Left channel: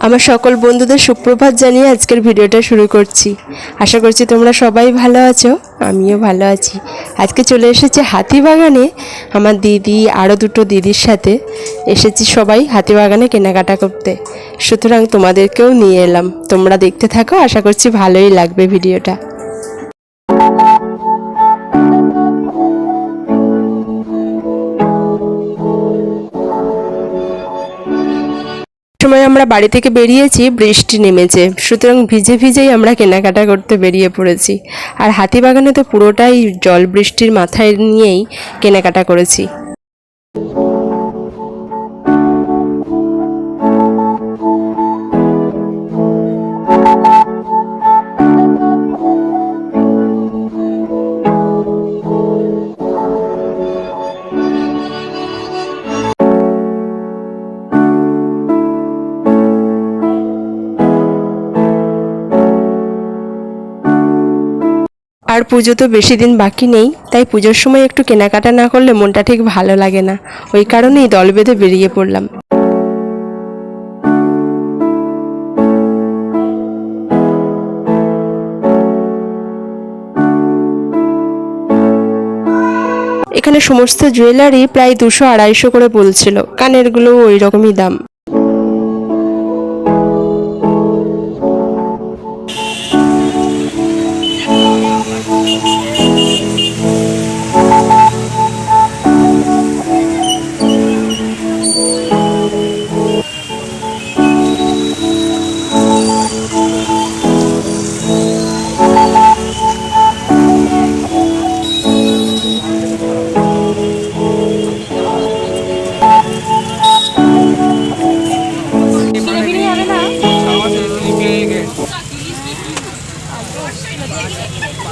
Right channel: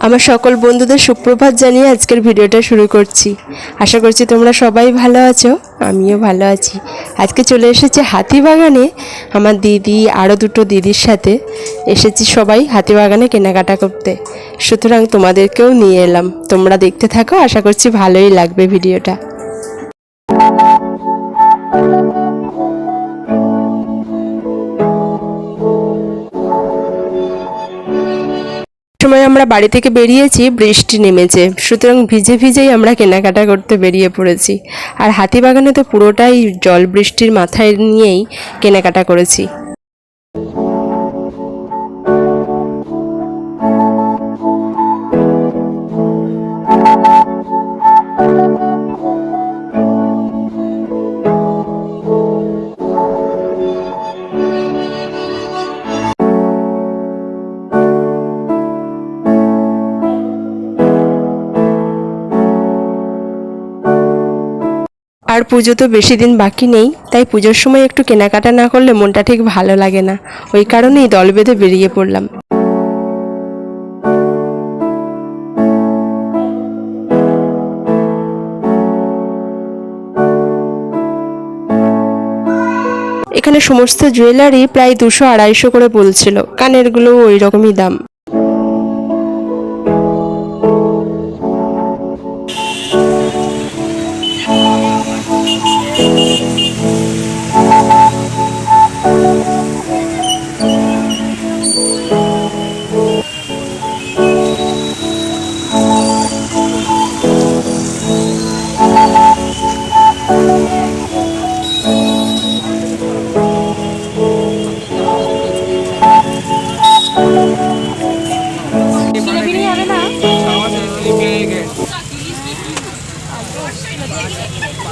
আমার সকল বন্ধুদের সুপ্রভাত জানিয়ে আজকের ভিডিওটা শুরু করছি। আশা করছি তোমরা সবাই ভালো আছো, আমিও ভালো আছি। আজকে চলে এসেছে হাতিবাগানে, আমার দিদি আরও দুটো দিদির সাথে। এসেছি সবাই হাতিবাগানে কেনাকাটা করতে। সুতরাং তোমাদেরকেও নিয়ে এলাম। তোমরা দেখতে থাকো, আশা করছি ভালোই লাগবে ভিডিওটা। সময় আমরা বাড়ি থেকে বেরিয়েছি, বৃষ্টি নেমেছে। সুতরাং ভিজে ভিজেই আমরা কেনাকাটা করতে বেরিয়ে পড়েছি। আর হাতিবাগানে তো পুরোটাই জল বৃষ্টির মাথায় নিয়েই কেনাকাটা করেছি। আর পুজো তো বেশি দিন বাকি নেই, তাই পুজোর সময় একটু কেনাকাটা না করলে মনটা ঠিক ভালো লাগে না। ওই কারণেই দল বেঁধে বেরিয়ে পড়লাম। এখানে সমস্ত জুয়েলারি প্রায় দুশো আড়াইশো করে বলছিল। কানেরগুলো ওই রকমই দাম।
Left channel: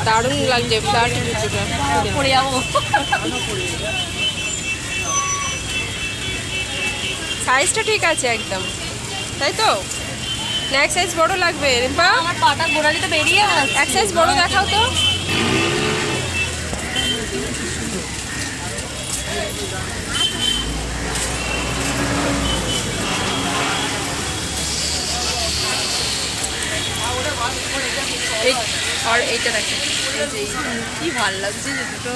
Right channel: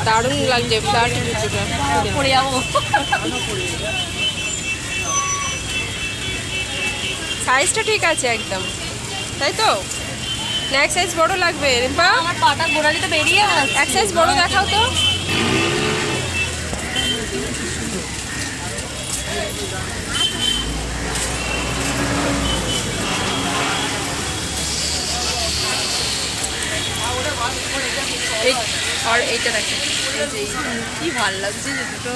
দারুণ লাগছে ফ্ল্যাট জুতোটা পরে যাব। সাইজটা ঠিক আছে একদম। তাই তো? না এক সাইজ বড় লাগবে। রিম্পা? আমার পাটা গোড়ালি তো বেরিয়ে এক সাইজ বড় দেখাও তো এই আর এইটা দেখো। কি ভালো লাগছে যে দুটো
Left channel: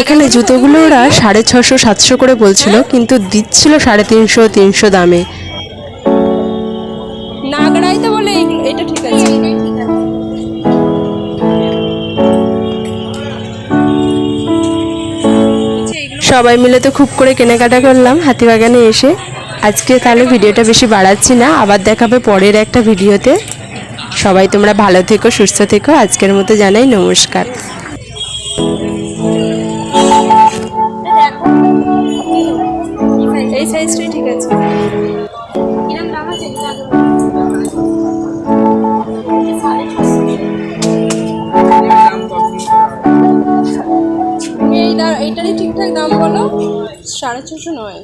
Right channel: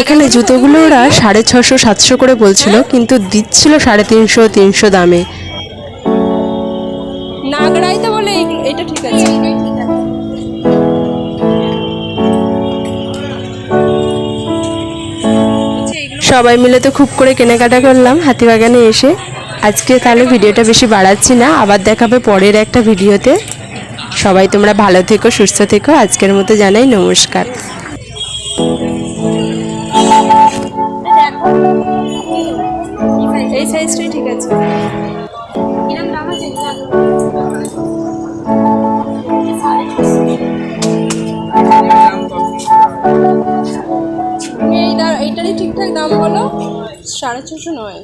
এখানে জুতোগুলো ওরা সাড়ে ছশো সাতশো করে বলছিল কিন্তু দিচ্ছিল সাড়ে তিনশো তিনশো দামে। নাগড়াই তো বলে এটা ঠিক আছে। সবাই মিলে তো খুব করে কেনাকাটা করলাম হাতিবাগানে এসে। আজকে তাহলে ভিডিওটা বেশি বাড়াচ্ছি না, আবার দেখাবে পরের একটা ভিডিওতে। সবাই তোমরা ভালো থেকো, সুস্থ থেকো, আজকের মতো জানাই নমস্কার। ঠিক আছে? এইটারই ঠিকঠাক দাম বলো? সাড়ে ছশো নয়।